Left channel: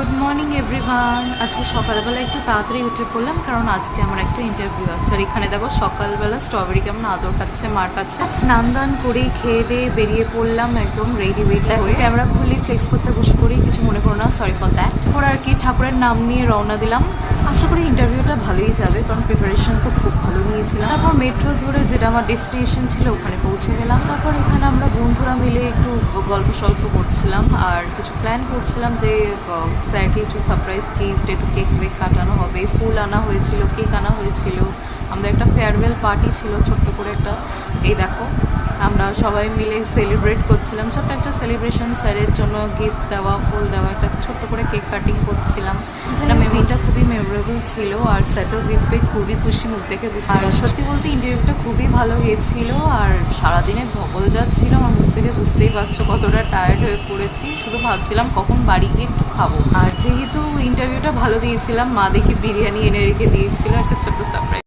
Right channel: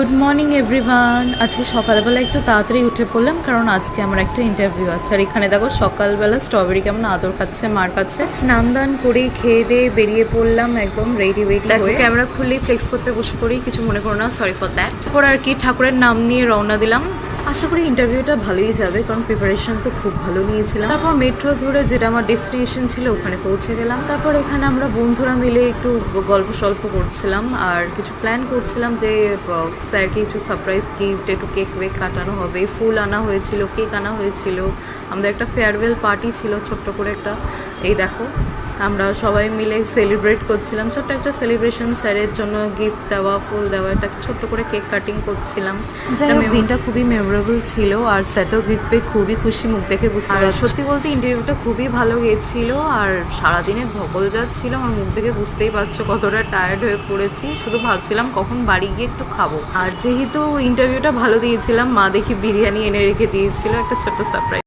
Good morning everyone. আজকে সকালবেলা একটু তাড়াতাড়ি উঠে পড়লাম, কারণ আজকে আমার একটা ইন্টারভিউ আছে। আর এখানে দেখো সকালবেলা স্ট্রবেরি কেমন আদর খাচ্ছে মার কাছে। স্নান দান করে খেয়ে দিয়ে বেরিয়ে পড়লাম একদম রেডি হয়ে। ক্যামেরা খুললেই ফ্লেক্স করতে বসে পড়ি, কিছু মনে করো না, সরি ফর দ্যাট। তারপর আর কি ঠাকুরের নাম নিয়ে রওনা দিলাম। আশা করি ইন্টারভিউটা ভালোই যাবে, কারণ প্রিপারেশন তো খুব ভালো নিয়েছিলাম। তারপর মেট্রো ধরে যেটা আমার ডেস্টিনেশন ছিল ওখানে পৌঁছে গেলাম। তারপর এখানে আমরা বন্ধুরা মিলে একটু গল্প সল্প করছিলাম আর কিছু প্ল্যান করছিলাম যে স্যারকে কিছু সারপ্রাইজ গিফট, একটু কেক ওয়েক কাটানো হবে, ফুল আনা হয়েছিল, কেক আনা হয়েছিল। আমাদের একটা ফেয়ারওয়েল পার্টি ছিল ছোট্ট করে একটা। এই দেখো আমরা সবাই মিলে সেলিব্রেট করছিলাম, ছোট্ট একটা সেলিব্রেশন। স্যারের জন্য গিফট দেওয়া, ফুল দেওয়া, একটা ছোট্ট করে কেক কাটিং করছিলাম। দিনটা খুবই মেমোরেবল ছিল আর স্যার তো গিফট পেয়ে খুবই খুশি, মুখ দেখে বুঝতে পারছি। সত্যি বলতে ইন্টারভিউটা খুবই ভালো গিয়েছিল আর সারাদিনে ধকল যাচ্ছিল, আমার মুখ থেকে বুঝতেই পারছো কতটা টায়ার্ড হয়ে পড়েছি। শুধু ভাবছিলাম কখন বাড়ি গিয়ে একটু খাবো। আর যেহেতু ইন্টারভিউটা ভালো দিয়েছিলাম, মা দেখি বিরিয়ানি এনে রেখে দিয়েছিল, একটা ছোট্ট সারপ্রাইজ।